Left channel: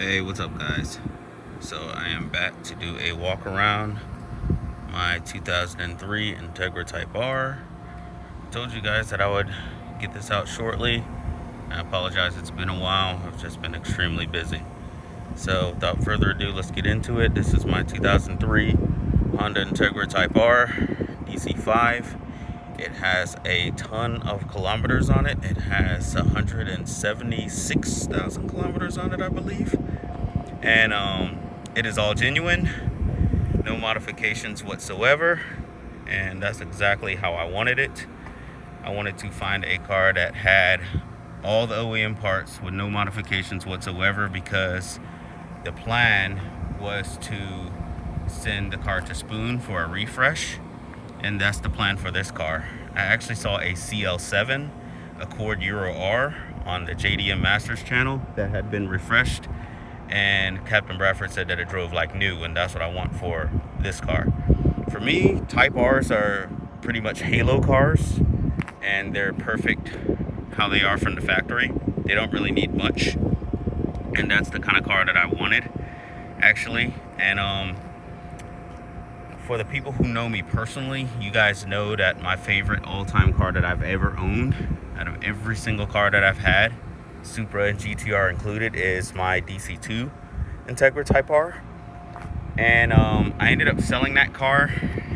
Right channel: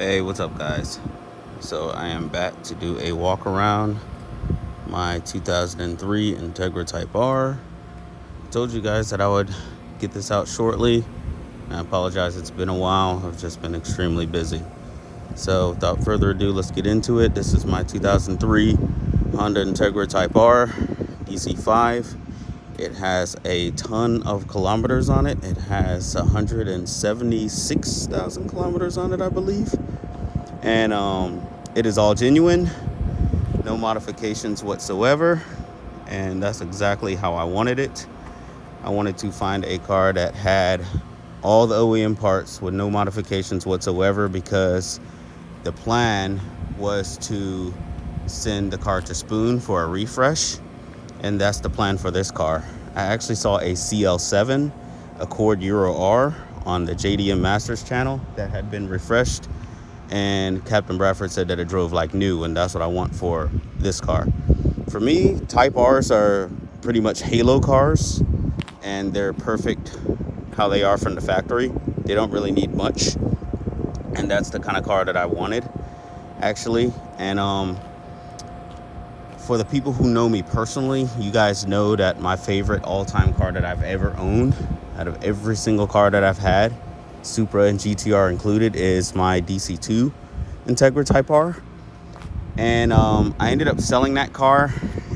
Hey, what's up, guys? So I am back to do a walk around my 2003 Integra Type R. I told you guys that I would get this out shortly. I apologize, it's been a while. I've just been extremely busy. So without further ado, let's get into it. This is my 2003 Honda Integra Type R DC5. It has a ton of kilometers on it. It has 176,000 kilometers on it, I believe. And it is all genuine, no modifications whatsoever. And that's exactly how I wanted it. I wanted to find a car that had all the OEM parts with no modifications whatsoever, because the plan was to send the car to Spoon for a refresh, and that's the plan for this car. I actually saw a CL7 Accord Euro R on the JDM Masters channel that had been refreshed, and Captain Bradford said that it drove like new, and that's what I want for this car. For me, Type R's are pretty much halo cars, and they're perfect how they are from the factory. They don't really need much, and that's the kind of car that I wanted, actually. And for the people who know me personally, you guys know that my favorite all-time car that I've ever owned, out of every single car that I've had, Supra and GTR included, is my DC2 Integra Type R. And I ended up selling that car,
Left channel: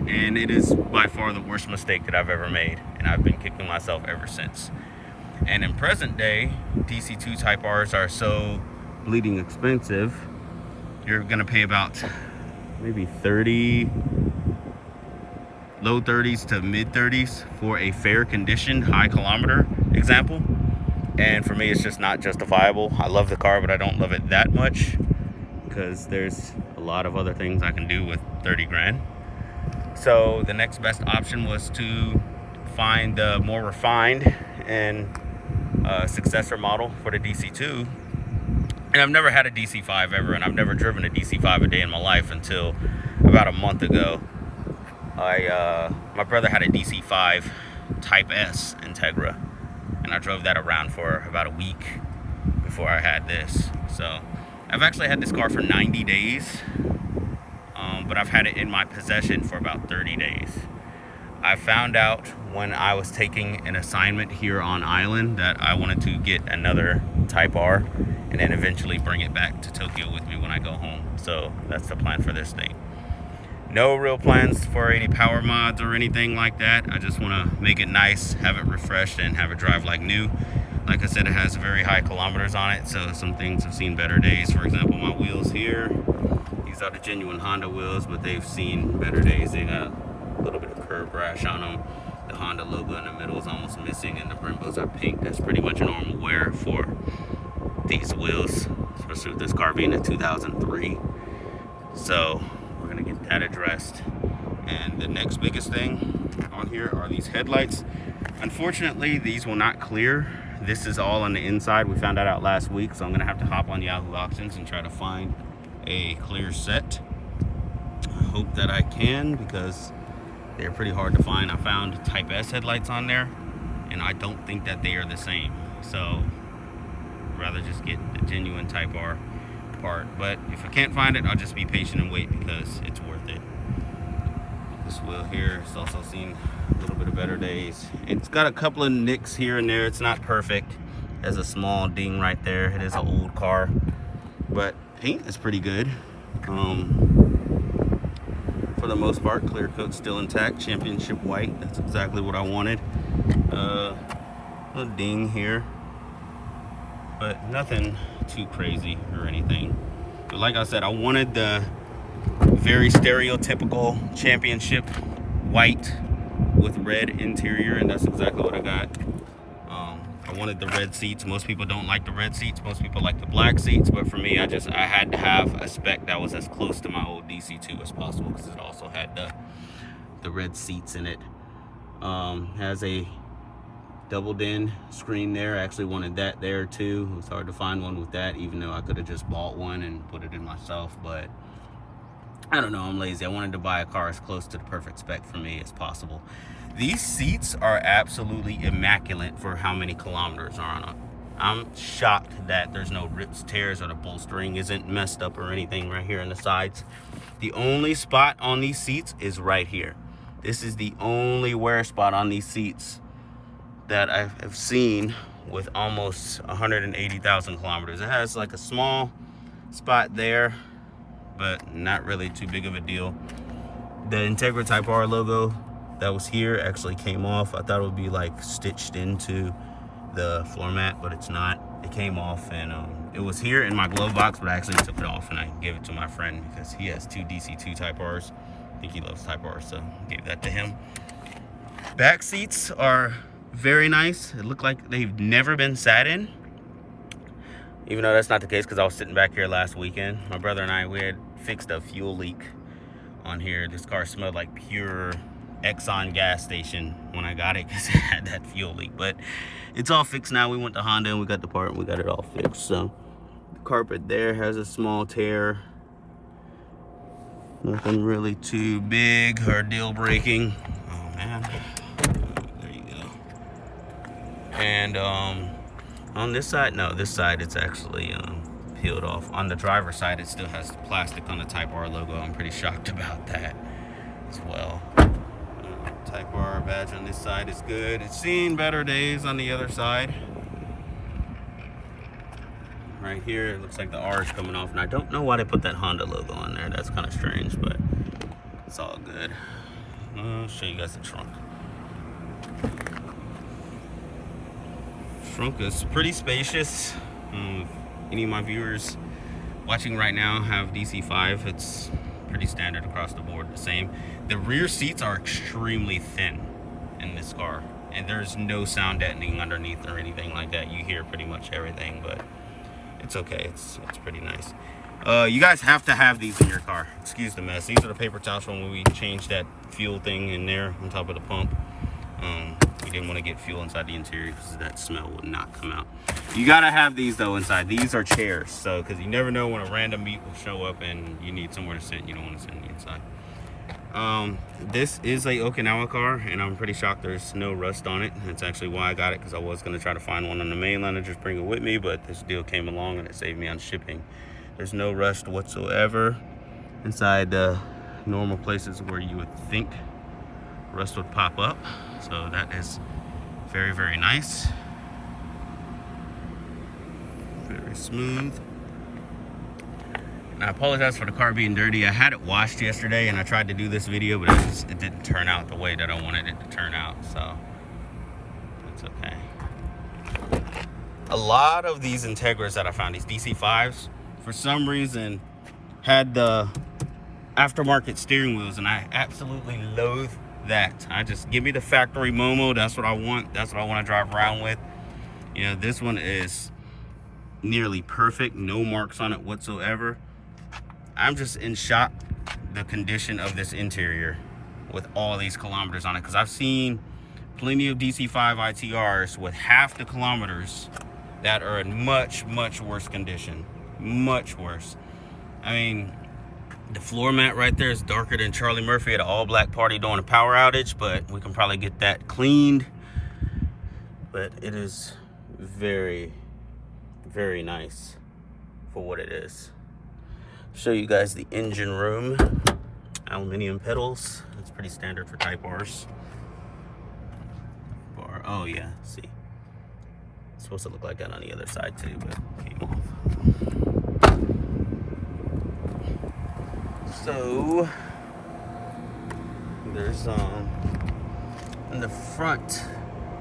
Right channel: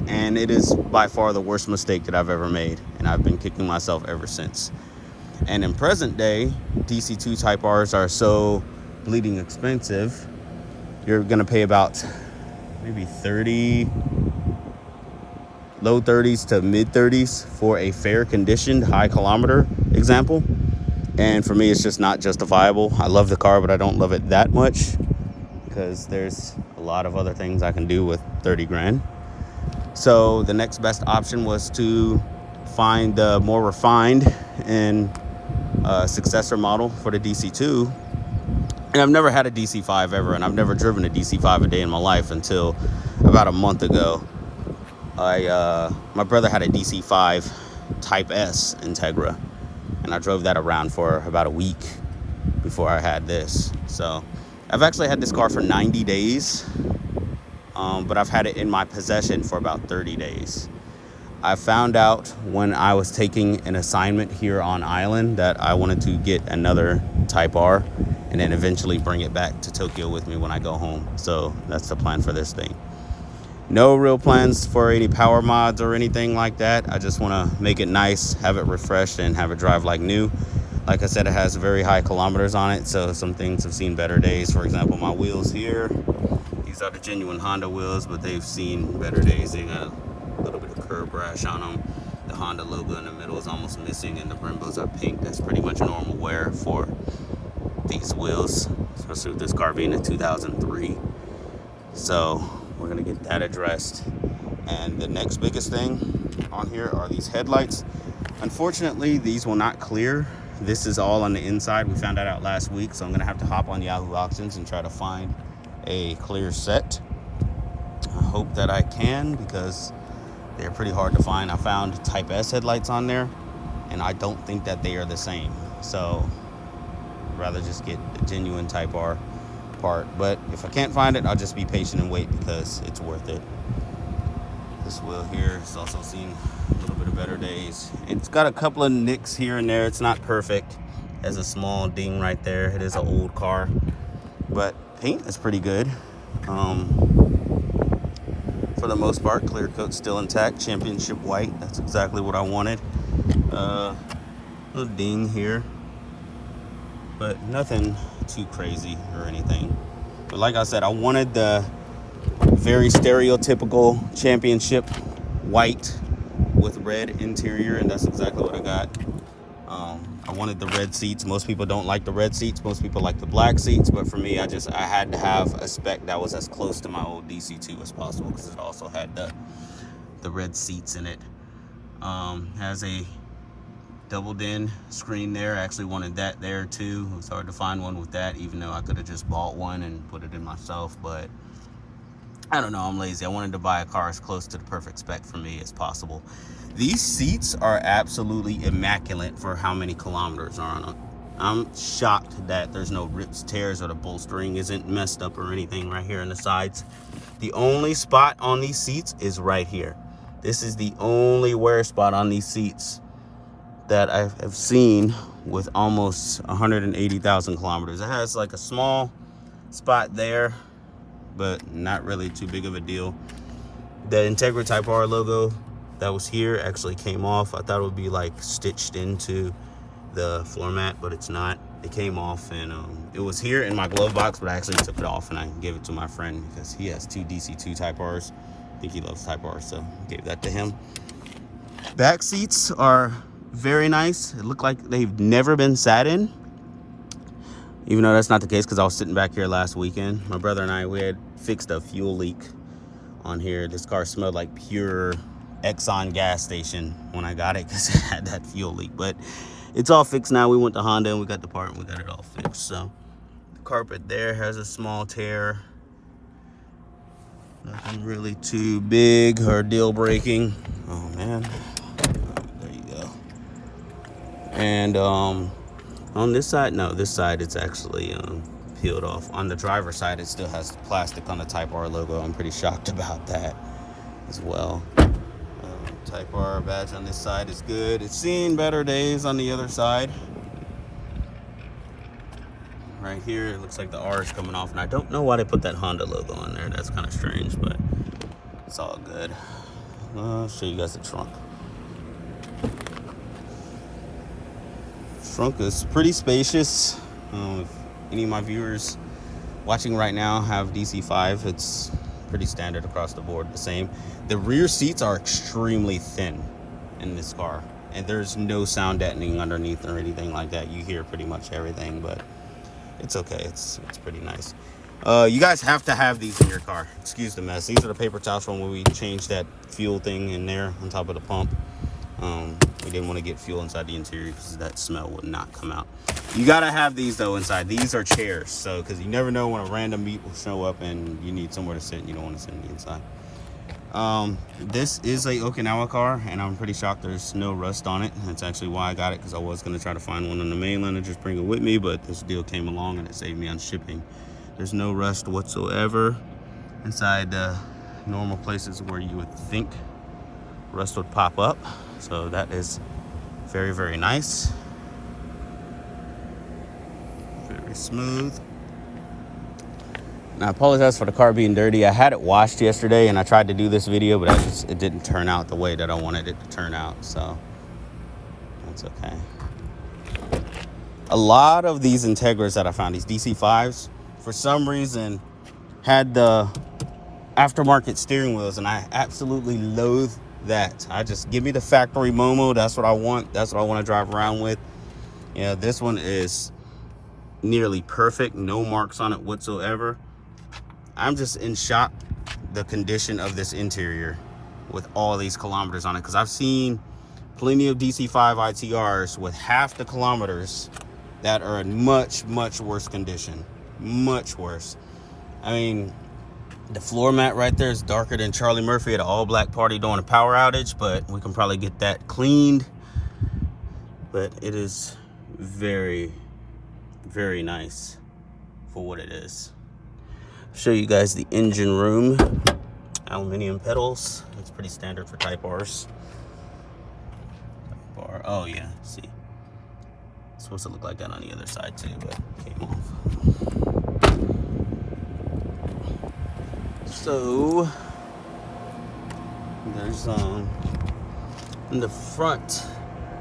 and it is by far the worst mistake that I've ever made, and I've been kicking myself ever since. And in present day, DC2 Type Rs are so bleeding expensive. You're gonna pay about maybe 30, low 30s to mid 30s for a fair conditioned high kilometer example. And for me, it's just not justifiable. I love the car, but I don't love it that much, because there's a lot of other things I can do with 30 grand. So the next best option was to find the more refined and successor model for the DC2. And I've never had a DC5 ever, and I've never driven a DC5 a day in my life until about a month ago. My brother had a DC5 Type S Integra, and I drove that around for about a week before I had this. So I've actually had this car for 90 days, but I've had it in my possession for about 30 days. I found out when I was taking an assignment here on island that I wanted to get another Type R and then eventually bring it back to Tokyo with me when I go home. So that's the plan for this thing. No real plans for any power mods or anything like that. I just want to make it nice, have it refreshed, and have it drive like new. Like I said, it has very high kilometers on it, so some things have seen better days. For example, my wheels here, these are the genuine Honda wheels, but they've seen better days. They got a little bit of curb rash on them. The Honda logo in the middle is almost missing, and the Brembos are pink. That's pretty much normal wear for these wheels, especially with this car being a 2003. So we're gonna get that addressed. And the next biggest thing on here are these headlights. Unfortunately, these will not clear. This is all on the inside. We found that out last week, so I'm gonna have to hop on Yahoo Auctions and try to find a clear set. I hope that I can, because they're pretty hard to find. I found Type S headlights on there, and I don't think that they are the same. So I'd rather just get the genuine Type R part. But if I can't find it, I'll just be patient and wait, because it's worth it. This wheel here has also seen a little bit of better days. It's got a couple of nicks here and there. It's not perfect. It has a small ding right there. It is an old car, but paint is pretty good. For the most part, clear coat's still intact. Championship white. That's exactly what I wanted. A ding here, but nothing too crazy or anything. But like I said, I wanted the very stereotypical championship white with red interior, and that's exactly what I got. I wanted the red seats. Most people don't like the red seats. Most people like the black seats, but for me, I had to have a spec that was as close to my old DC2 as possible, because it also had the red seats in it. Has a double din screen there. I actually wanted that there too. It was hard to find one with that, even though I could have just bought one and put it in myself, but I don't know, I'm lazy. I wanted to buy a car as close to the perfect spec for me as possible. These seats are absolutely immaculate for how many kilometers are I'm shocked that there's no rips, tears, or the bolstering isn't messed up or anything right here on the sides. The only spot on these seats is right here. This is the only wear spot on these seats that I have seen with almost 180,000 kilometers. It has like a small spot there, but not really too big of a deal. The Integra Type R logo that was here actually came off. I thought it would be like stitched into the floor mat, but it's not. It came off, and it was here in my glove box, but I actually took it off and I gave it to my friend because he has two DC2 Type Rs. I think he loves Type R, so gave that to him. Back seats are very nice. It looked like they've never been sat in, even though that's not the case because I was sitting back here last weekend. My brother and I, we had fixed a fuel leak on here. This car smelled like pure Exxon gas station when I got it because it had that fuel leak, but it's all fixed now. We went to Honda and we got the part and we got it all fixed. So the carpet there has a small tear. Nothing really too big or deal breaking. Oh man, there you go. And on this side, no, this side it's actually peeled off. On the driver's side, it still has plastic on the Type R logo. I'm pretty shocked about that as well. Type R badge on this side is good. It's seen better days on the other side. Right here, it looks like the R is coming off, and I don't know why they put that Honda logo on there. That's kind of strange, but it's all good. I'll show you guys the trunk. Trunk is pretty spacious. If any of my viewers watching right now have DC5, it's pretty standard across the board, the same. The rear seats are extremely thin in this car, and there's no sound deadening underneath or anything like that. You hear pretty much everything, but it's okay. It's pretty nice. You guys have to have these in your car. Excuse the mess. These are the paper towels from when we changed that fuel thing in there on top of the pump. We didn't want to get fuel inside the interior because that smell would not come out. You gotta have these though inside. These are chairs, so because you never know when a random meet will show up and you need somewhere to sit and you don't want to sit on the inside. This is a Okinawa car, and I'm pretty shocked there's no rust on it. That's actually why I got it, because I was going to try to find one on the mainland and just bring it with me, but this deal came along and it saved me on shipping. There's no rust whatsoever inside the normal places where you would think rust would pop up, so that is very, very nice. Very smooth. And I apologize for the car being dirty. I had it washed yesterday and I tried to do this video, but it didn't turn out the way that I wanted it to turn out, so it's okay. A lot of these Integras that I found, these DC5s, for some reason had the aftermarket steering wheels, and I absolutely loathe that. I just, give me the factory Momo. That's what I want. That's what I want to drive around with. Yeah, this one is nearly perfect. No marks on it whatsoever. I'm just in shock the condition of this interior with all these kilometers on it, because I've seen plenty of DC5 ITRs with half the kilometers that are in much, much worse condition. Much worse. I mean, the floor mat right there is darker than Charlie Murphy at an all-black party during a power outage, but we can probably get that cleaned. But it is very, very nice for what it is. Show you guys the engine room. Aluminum pedals. That's pretty standard for Type Rs. Type R. Oh yeah, see. It's supposed to look like that on the other side too, but came off. So there's in the front,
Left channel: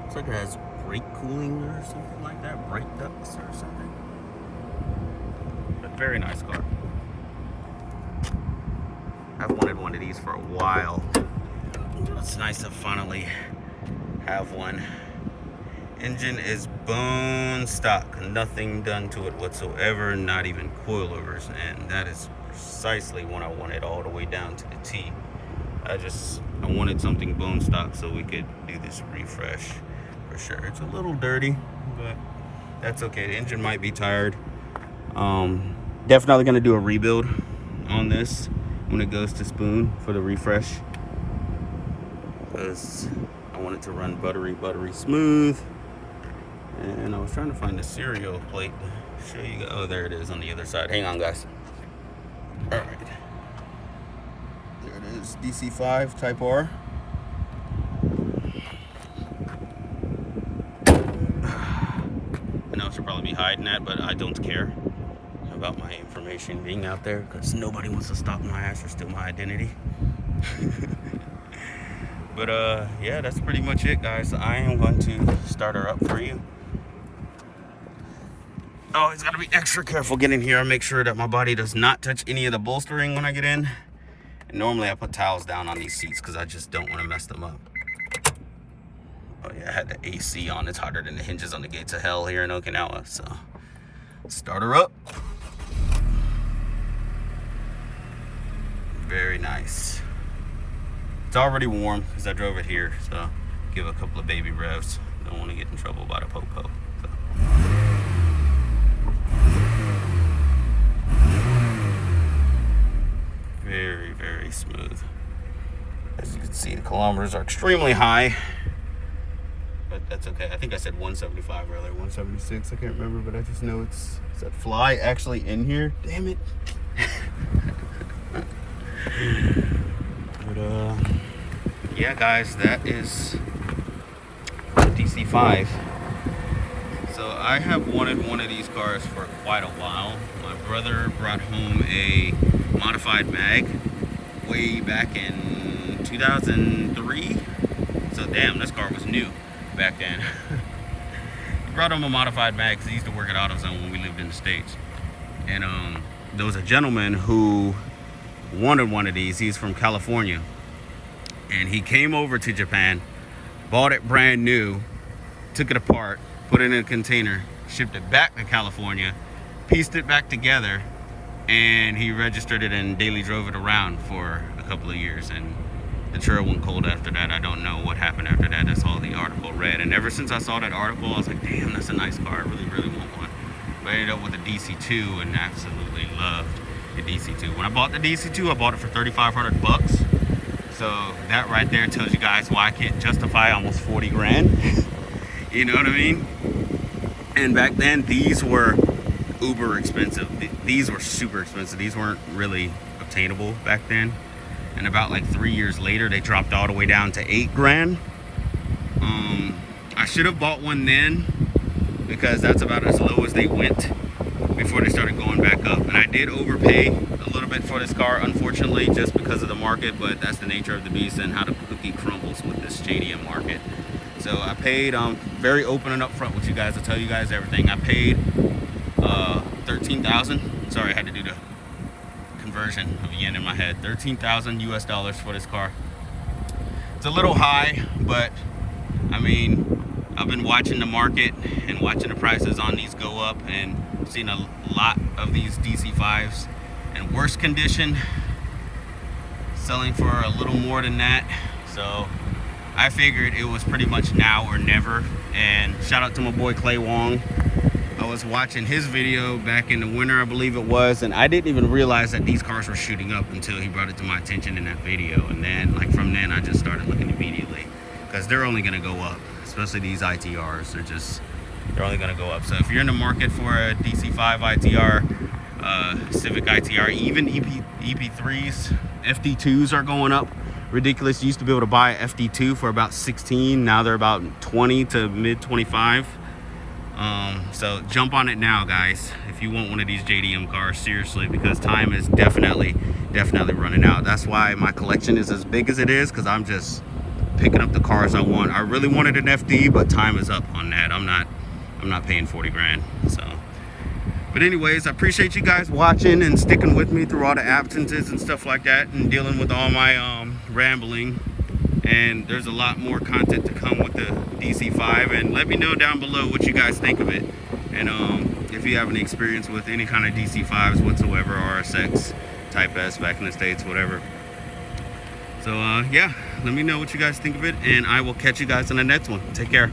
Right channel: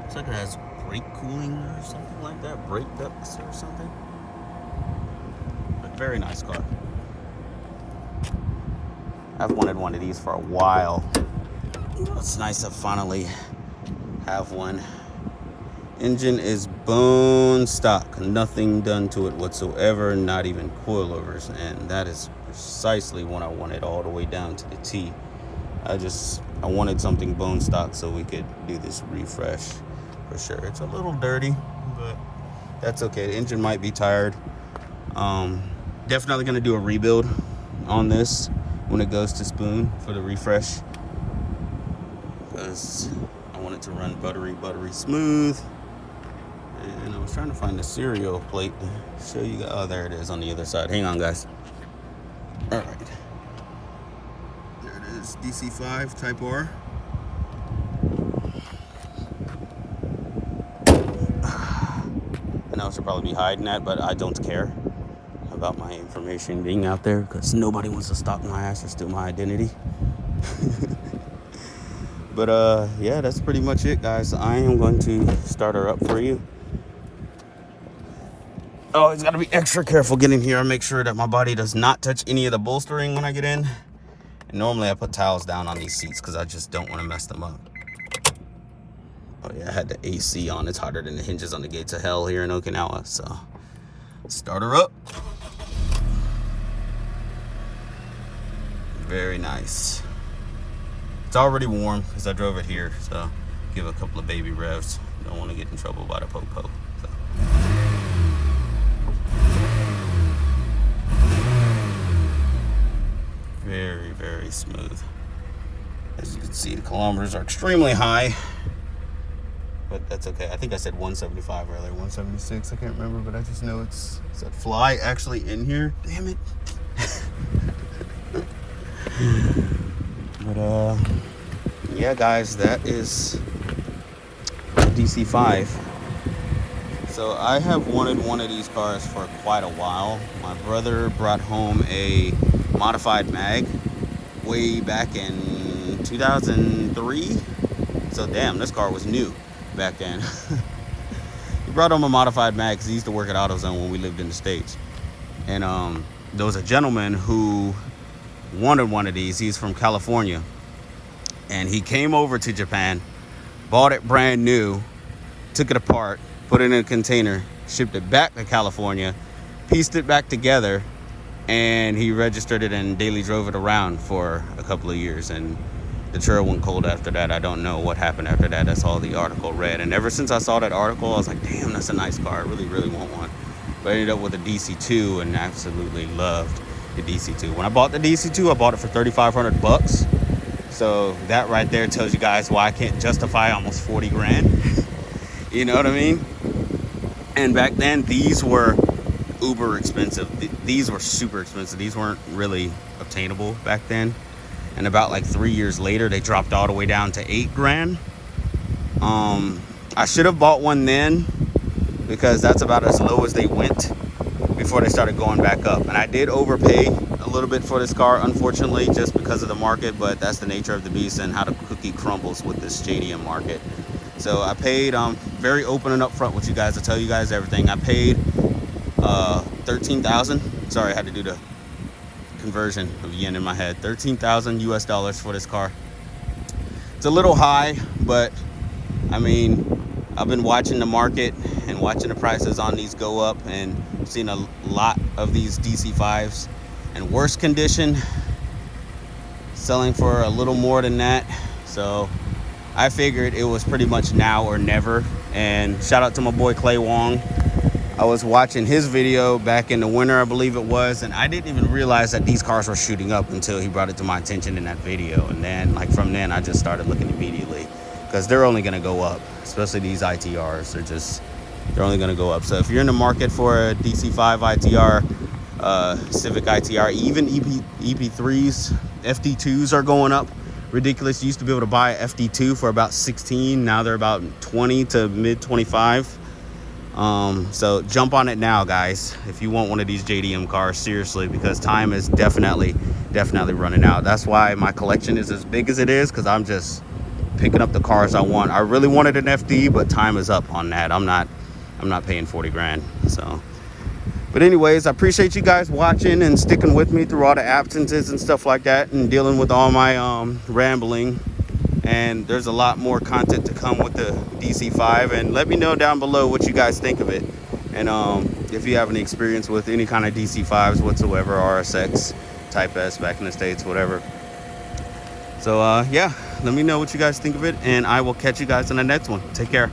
it's like it has brake cooling or something like that, brake ducts or something. But very nice car. I've wanted one of these for a while. It's nice to finally have one. Engine is bone stock, nothing done to it whatsoever, not even coilovers, and that is precisely what I wanted, all the way down to the T. I wanted something bone stock so we could do this refresh for sure. It's a little dirty, but that's okay. The engine might be tired. Definitely gonna do a rebuild on this when it goes to spoon for the refresh, because I want it to run buttery smooth. And I was trying to find the serial plate to show you guys. Oh, there it is on the other side. Hang on, guys. All right. There it is, DC5 Type R. I know I should probably be hiding that, but I don't care about my information being out there because nobody wants to stop my ass or steal my identity. But yeah, that's pretty much it, guys. I am going to start her up for you. Oh, it's got to be extra careful getting here. I make sure that my body does not touch any of the bolstering when I get in. And normally I put towels down on these seats because I just don't want to mess them up. Oh yeah, I had the AC on. It's hotter than the hinges on the gates of hell here in Okinawa. So, start her up. Very nice. It's already warm because I drove it here. So, give a couple of baby revs. Don't want to get in trouble by the po-po. So. Very, very smooth. As you can see, the kilometers are extremely high. But that's okay. I think I said 175 earlier, 176. I can't remember, but I just know it said fly actually in here. Damn it. But yeah, guys, that is DC5. So I have wanted one of these cars for quite a while. My brother brought home a modified mag way back in 2003. So damn, this car was new back then. He brought home a modified mag because he used to work at AutoZone when we lived in the States. And there was a gentleman who wanted one of these. He's from California. And he came over to Japan, bought it brand new, took it apart, put it in a container, shipped it back to California, pieced it back together, and he registered it and daily drove it around for a couple of years. And the trail went cold after that. I don't know what happened after that. That's all the article read. And ever since I saw that article, I was like, damn, that's a nice car. I really, really want one. But I ended up with a DC2 and absolutely loved the DC2. When I bought the DC2, I bought it for $3,500. So that right there tells you guys why I can't justify almost 40 grand. You know what I mean? And back then, these were uber expensive. These were super expensive. These weren't really obtainable back then. And about like 3 years later, they dropped all the way down to 8 grand. I should have bought one then because that's about as low as they went before they started going back up. And I did overpay a little bit for this car, unfortunately, just because of the market, but that's the nature of the beast and how the cookie crumbles with this JDM market. So I paid, very open and upfront with you guys. I'll tell you guys everything. I paid $13,000. Sorry, I had to do the conversion of yen in my head. $13,000 US for this car. It's a little high, but I mean, I've been watching the market and watching the prices on these go up and seen a lot of these DC5s in worse condition selling for a little more than that. So I figured it was pretty much now or never. And shout out to my boy Clay Wong. I was watching his video back in the winter, I believe it was, and I didn't even realize that these cars were shooting up until he brought it to my attention in that video. And then, like, from then, I just started looking immediately because they're only going to go up, especially these ITRs. They're only going to go up. So if you're in the market for a DC5 ITR, Civic ITR, even EP3s, FD2s are going up. Ridiculous. You used to be able to buy a FD2 for about 16. Now they're about 20 to mid 25. So jump on it now, guys, if you want one of these JDM cars, seriously, because time is definitely running out. That's why my collection is as big as it is, because I'm just picking up the cars I want. I really wanted an FD, but time is up on that. I'm not paying 40 grand. So, but anyways, I appreciate you guys watching and sticking with me through all the absences and stuff like that, and dealing with all my rambling. And there's a lot more content to come with the DC5, and let me know down below what you guys think of it, and if you have any experience with any kind of DC5s whatsoever, RSX, Type S back in the States, whatever. So yeah, let me know what you guys think of it, and I will catch you guys in the next one. Take care.